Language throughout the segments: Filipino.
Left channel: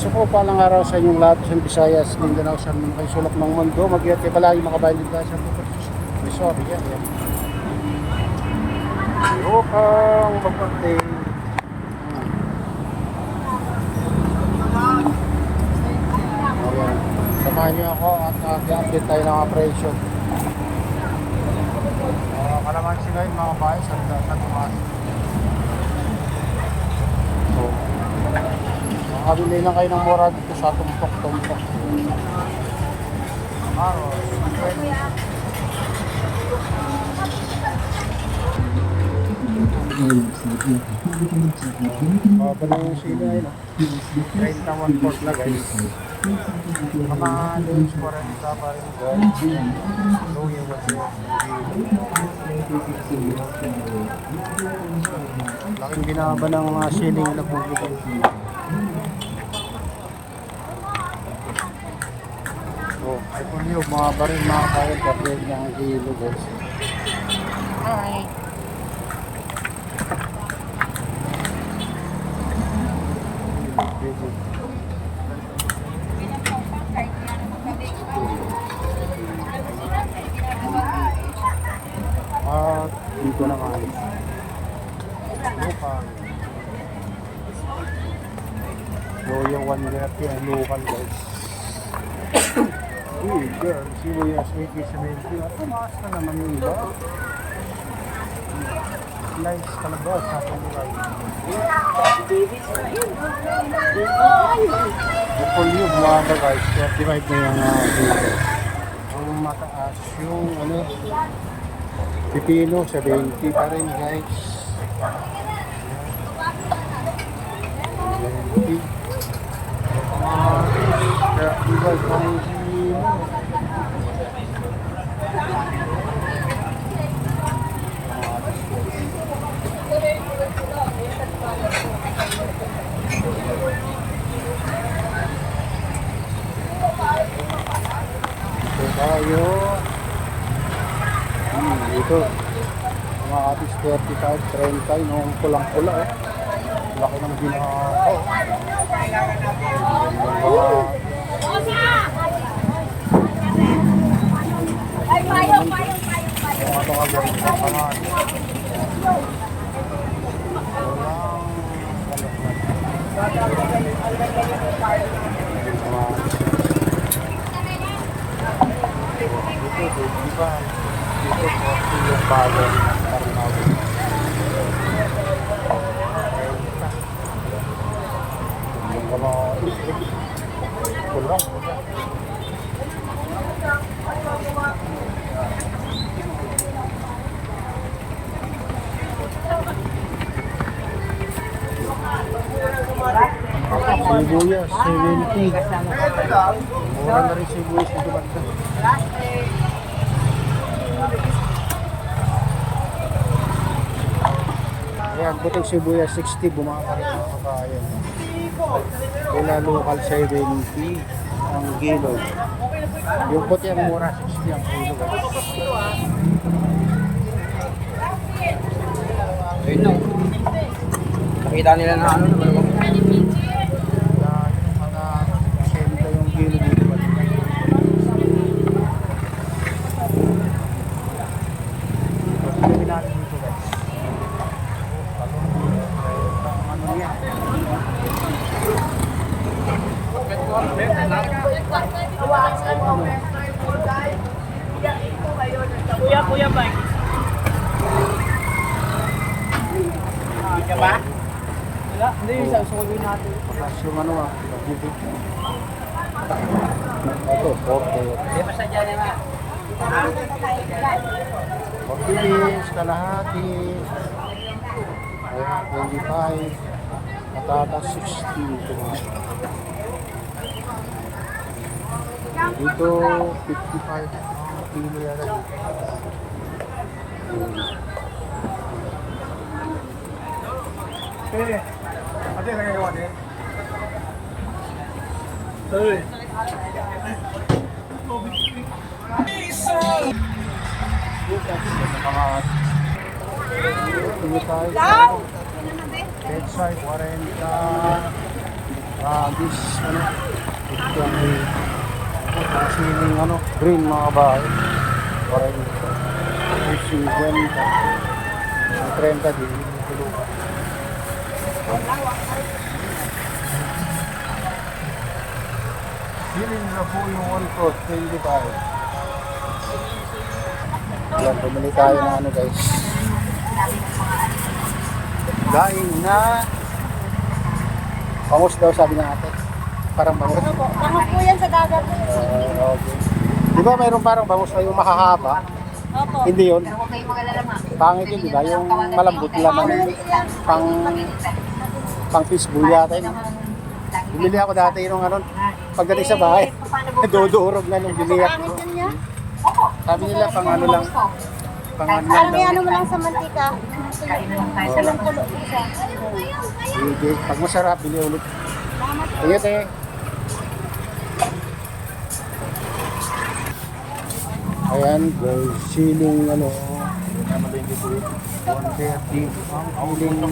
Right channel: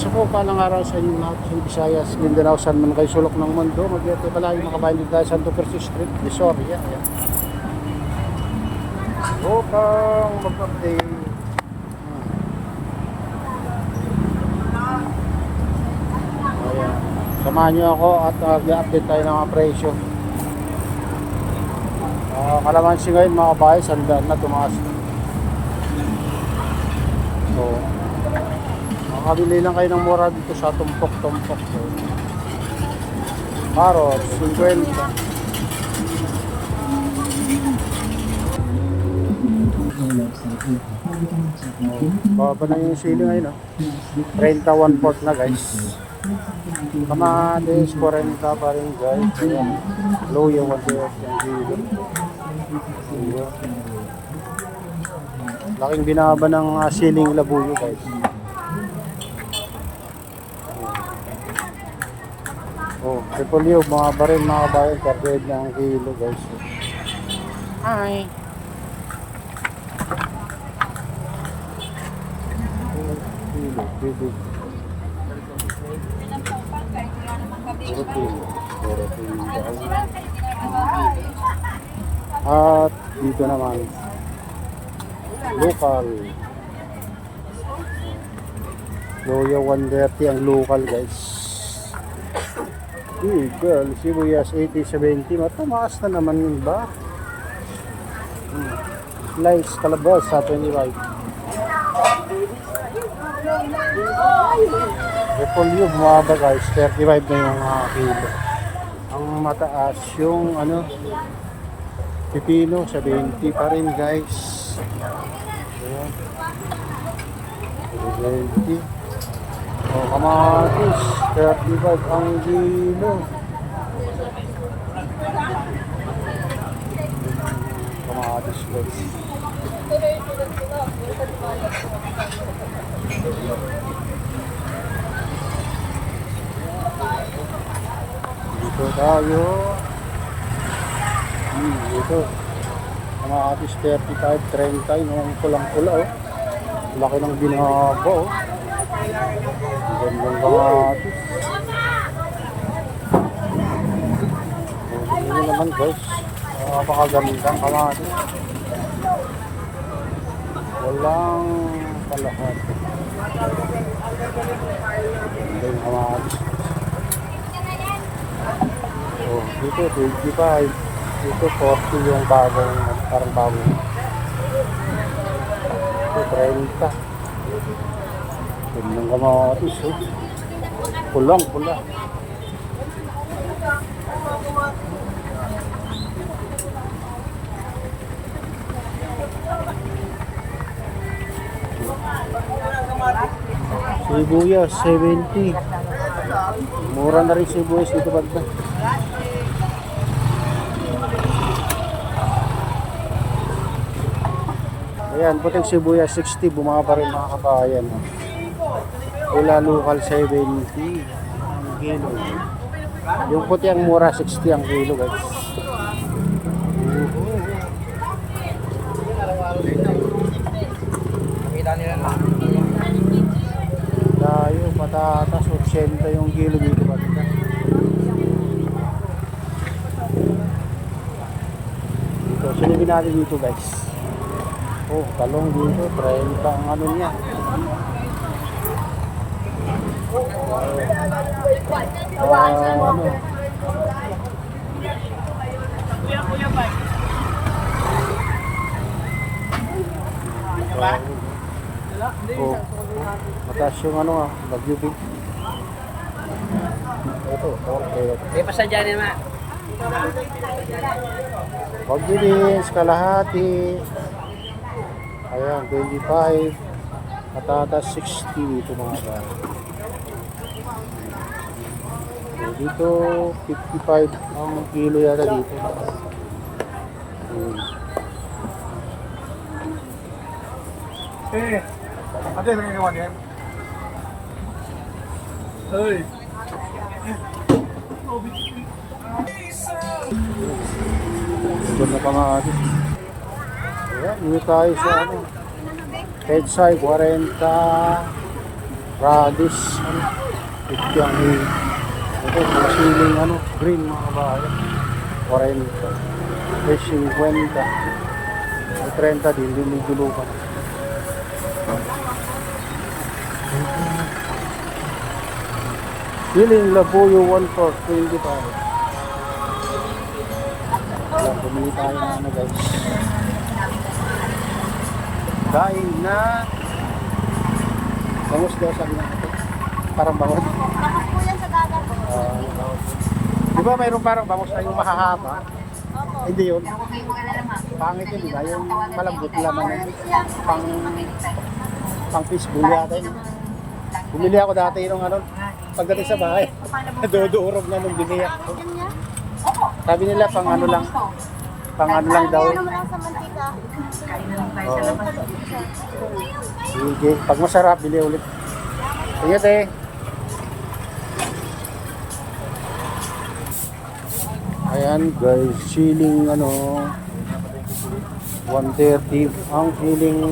Isa po palang araw sa inyong lahat sa Visayas, Mindanao, San man kayo sulok ng mundo. Mag-iati pala yung makabayan dito sa Santo Cristo Street, Resort. Yan, yan. Upang mag-update. Ayan. Samahan nyo ako at i-update tayo ng mga presyo. Kalamansi ngayon mga bahay, sandaan na tumaas. Oo. Makakabili lang kayo ng mura dito sa tumpok-tumpok. Maros, 50. Baba na yung silo ngayon, no? 31 port na guys. Kamahalos 40 pa rin guys. Low yung 1 yung gilid. Laking binaba ng siling labuyo guys. Oh, repolyo, mga baril, mga bayan, target na ang kilo guys. Hi! At dito naman local Loya 130 ang local guys. Girl, sibuyas 80-70 at tumaas na naman yun ba? Slice kalabas sa 25. Repolyo bumaba guys, 35 na yung kilo. Ang mataas yung pipino 70 pa rin guys. 70. O kamatis 35 ang kilo. Kamatis guys. Dito tayo. Dito. Kamatis 35, 30 yung pulang-pula oh. Laki ng binaba oh. Gandang kamatis. Ito naman guys. Napakagandang kamatis. Walang kalahat. Ito yung kamatis. Dito 25. Dito 40 yung bagay at parang bagay. Ito 30. Ito yung kamatis eh. Pulang. Sibuyas 70. Mura na rin sibuyas dito bagda. Ayan, puting sibuyas 60, bumaba rin mga kakayan. Wala local 70 ang kilo. Yung puti ang mura 60 ang kilo guys. Nakita nila na Tayo, patatas, 80 yung kilo dito bagda. Dito, silipin natin dito guys. Oh, talong dito, 30 ang niya. Kuya ba? Ba? Wala, hindi yung sasabihin natin. Mataas yung nag-ibig. Ito, 40. Hindi pa sa dyan naman. Pag-ibig, kalahati. Ayan, 25. Patatas 60. Ito naman. Dito, 55 ang kilo yata dito. Ate, nangyayawag eh. Sorry. Ganda kamatis. Ayan, dito tayo sa Pedsay, 40. Radis, ano, ityang ito, mga siling, ano, green mga kabayan. 40. Fish 50. May 30 din, binibilo ko. Siling labuyo 1 for 25. Wala, bumili tayo na ano guys. Daing na bangus daw sabi ng ate. Parang bangus. Bangus po yan sa dagat. Okay. Di ba mayroon parang bangus na yung mahahaba? Opo. Hindi yun. Huwag kayong mag-alala, ma'am. Pangit yun, di ba? Yung malambot laman yun. Pang fishbowl yata yun. Bumili ako dati yung ano, pagdating sa bahay, dodorog na nung biniyak ko. Pangit yan yan? Sabi nila pang ano lang daw. Ano mo lang sa mantika. Oo. Sige, pag masarap, bili ulit. Ingat eh. Ayan guys, siling ano 130 ang siling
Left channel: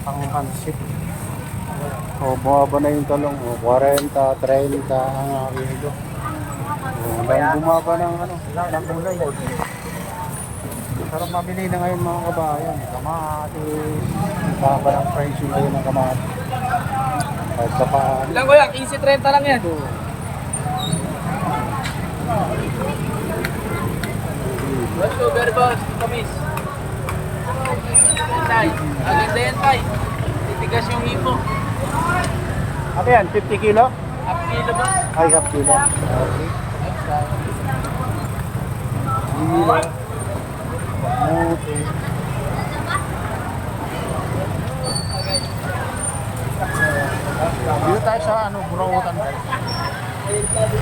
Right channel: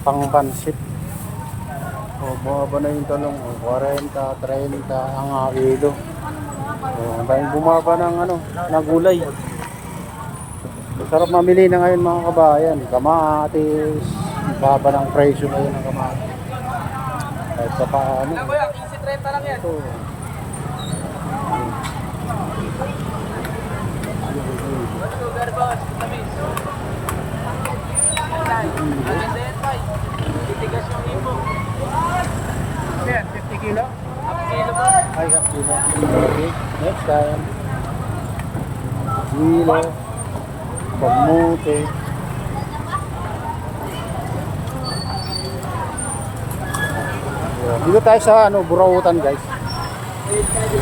pangpansit. O bumaba na yung talong, 40, 30 ang kilo. O hanggang bumaba ng ano, ng gulay. Sarap mamili na ngayon mga kabayan, kamatis, baba ng presyo ngayon ng kamatis. Kahit sa paano. Lang kuya, 15-30 lang yan. Ito. Let's go, very boss. Kamis. Maganda yan, tay. Titigas yung himo. Ano yan? 50 kilo? Half kilo ba? Ay, half kilo. Okay. Next time. Kilo. Pamuti. Dito tayo sa ano, Burautan guys.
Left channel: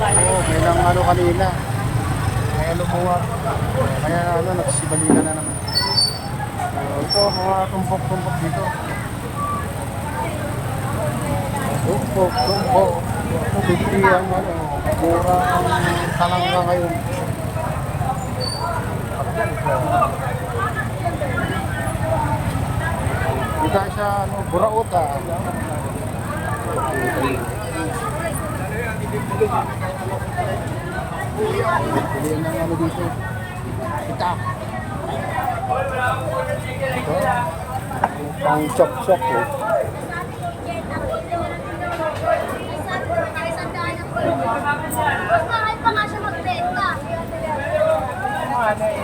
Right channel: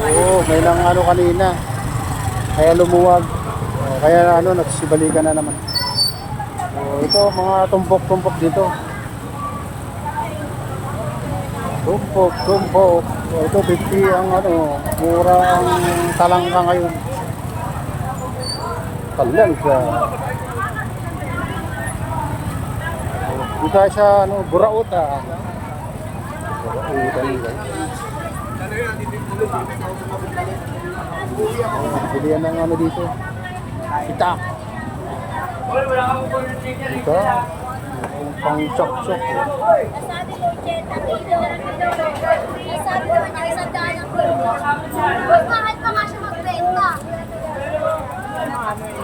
Oo, may nang ano kanina. Kaya lumuwag. Kaya ano, nagsibalikan na naman. Ito, mga tumpok-tumpok dito. Tumpok. Ito, bigti ang ano, mura ang talangka ngayon. Talangka. Dito sa ano, Burautan. Burautan guys. Pilihan ng ano dito. Kita. Ito. Pang chok-chok oh. Mas mahal pa nga siya magbenta.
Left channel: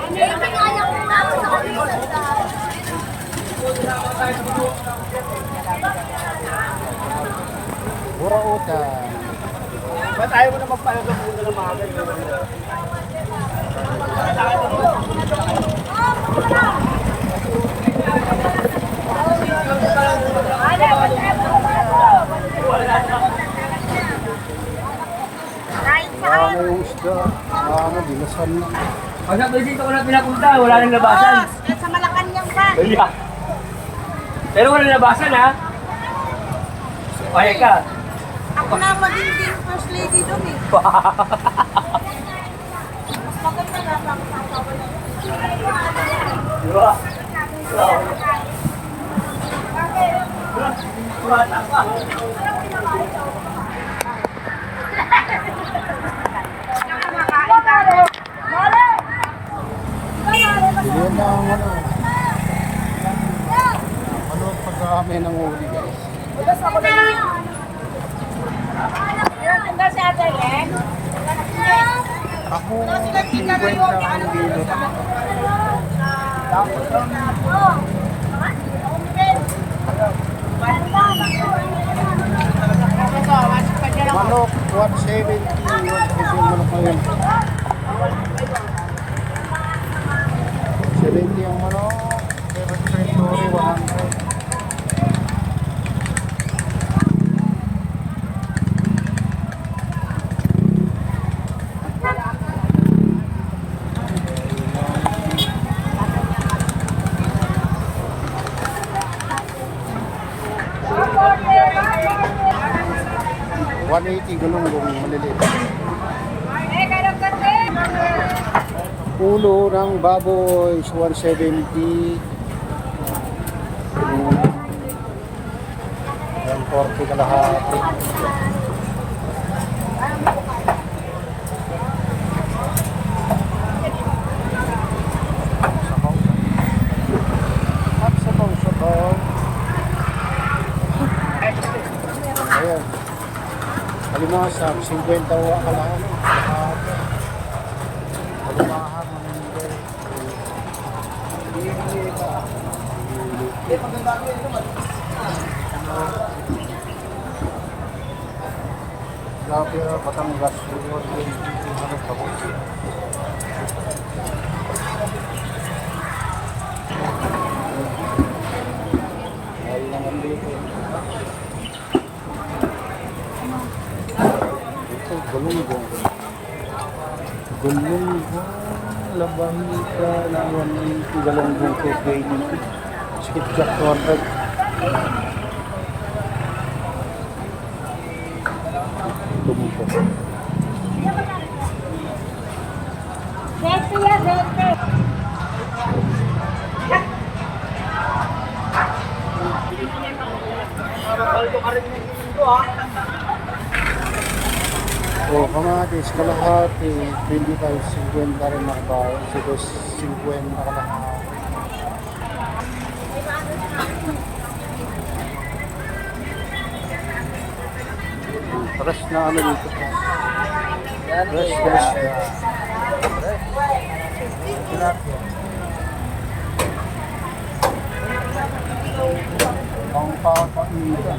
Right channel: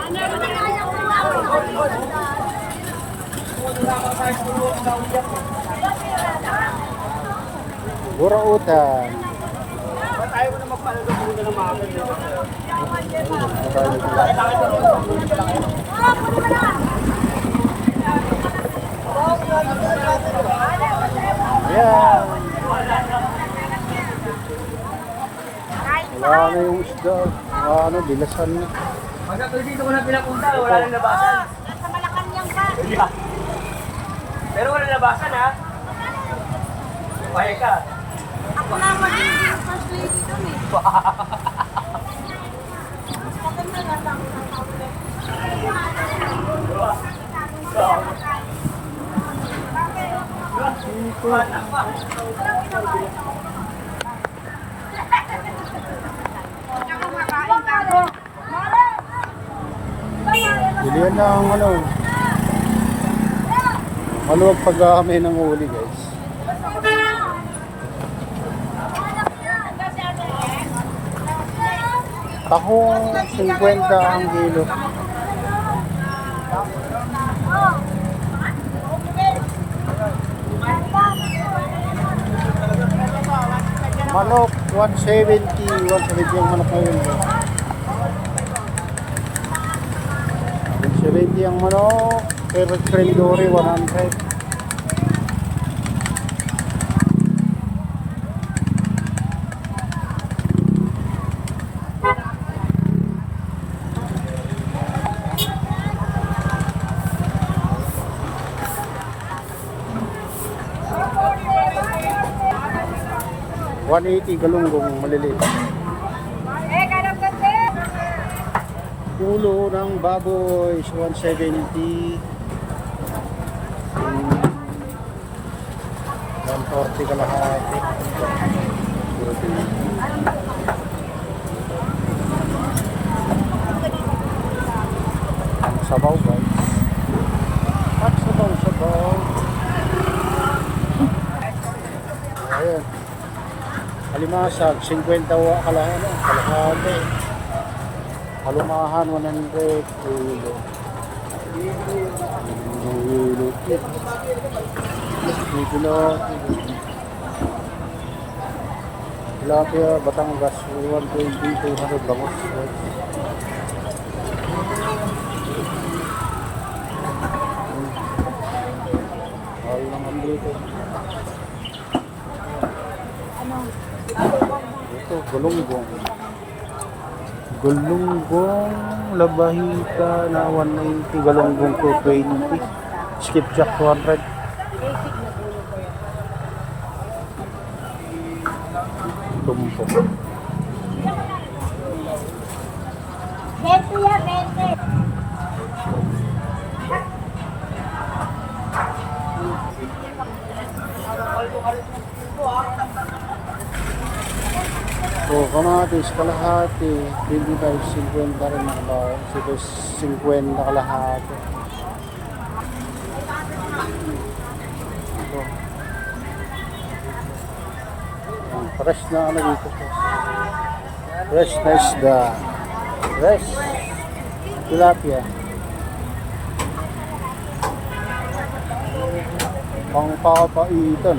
Hindi kaya ko na ako sa Burautan. Tayo mo na magpahalaga ng mga Ayan. Wala na yung isda. Wala na, dilasan na. Pag dito ko na pinapunta, wala nang labasan. Sa Malacanang ba? Pero wala nang labasan, ha? Payag ka. Ako na magiging first lady doon eh. Maganda nga pa ang kakawala. Diba? Bilihan na ang ano. Maluwag pag-aamay ng huli guys. Tahong 50 ang kilo. Manok 170 yung manok ngayon guys. 170 ang manok, pero cremdory 100. $180 galunggong maliliit. Ulo ng baboy is 170. 140 kalahati. Ito. Ang sabaw guys. At sabaw. Ayan. Kalimasag, 50 kalahati. Kalimahan, 100 kilo. Nangilikit. Tilapia, Batangas, 120, 200 bangos. Mahal naman dito. Ito, galunggong. Galunggong, labahita na 190, galunggong 220. Skipjack 200. Tumpo. 20 yan, 20. Oh, kamatis, kalahati, 25, 50 rin nakabayan. Ito, 50 kalahati. Fresh na ano dito. Fresh na isda. Fresh. Tilapia. Pang papaitan.